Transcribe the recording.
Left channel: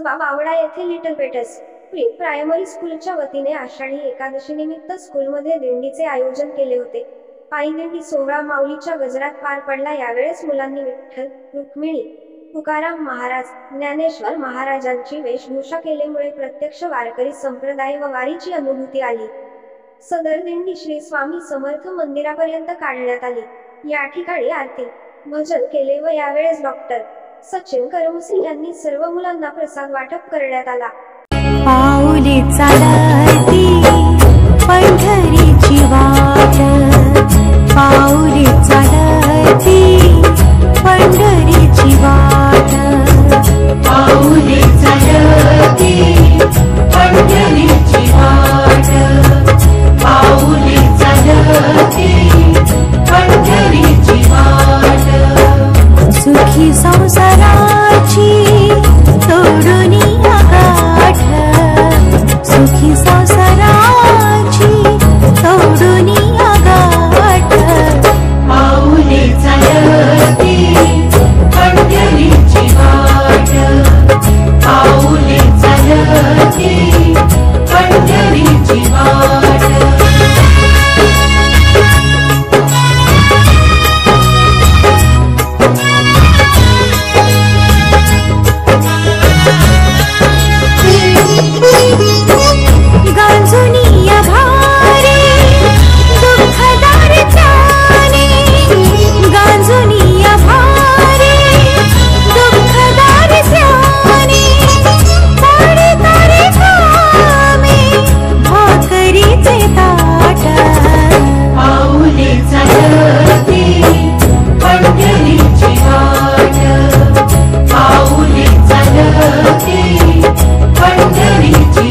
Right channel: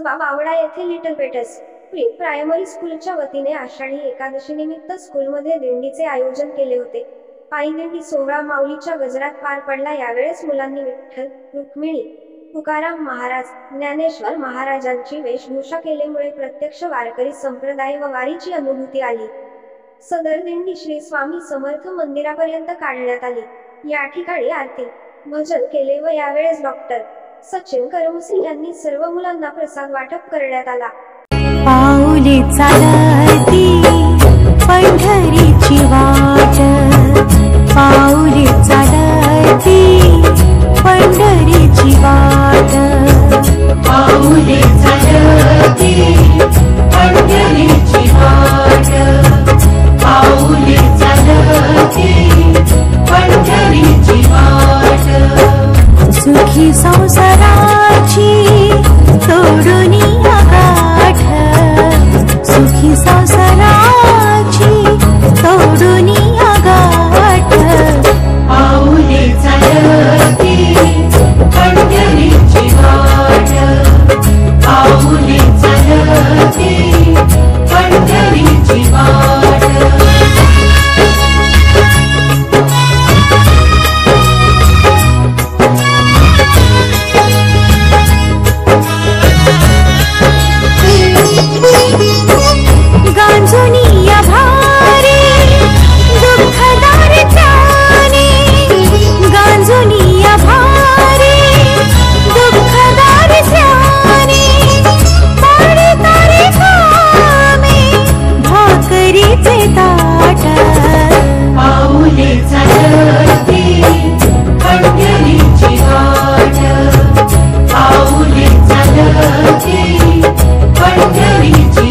कसबा बावडा येथे little पेटस pre primary स्कूलच्या वतीने आषाढी एकादशी निमित्त स्कूलमध्ये दिंडीचे आयोजन केले होते। पायी दिंडी सोहळा माऊलीच्या गजरात पार पडला। यावेळेस मुलांनी विठ्ठल, रुक्मिणी, तुकाराम महाराज, ज्ञानेश्वर महाराजांची वेशभूषा केल्यामुळे प्रत्यक्ष वारकरी संप्रदाय व वारीची अनुभूती आली। सदर दिंडी श्री स्वामी समर्थ मंदिरापर्यंत काढण्यात आली। या ठिकाणी आरती, भजन केले व यावेळेस डॉक्टर सचिन करमुसे यांनी सर्व मुलांना प्रसाद वाटप करण्यात आला। पाऊले चालती पंढरीची वाट, पाऊले चालती पंढरीची वाट, पाऊले चालती पंढरीची वाट, पाऊले चालती पंढरीची वाट। सुखी संसाराची तोडून गाठ, सुखी संसाराची तोडून गाठ, पाऊले चालती पंढरीची वाट, पाऊले चालती पंढरीची वाट। गांजुनिया भारी दुःखदार त्याने, गांजुनिया भारी दुःखदार त्याने, पाडी तारे कामे भाकरीचे ताट, पाऊले चालती पंढरीची वाट, पाऊले चालती पंढरीची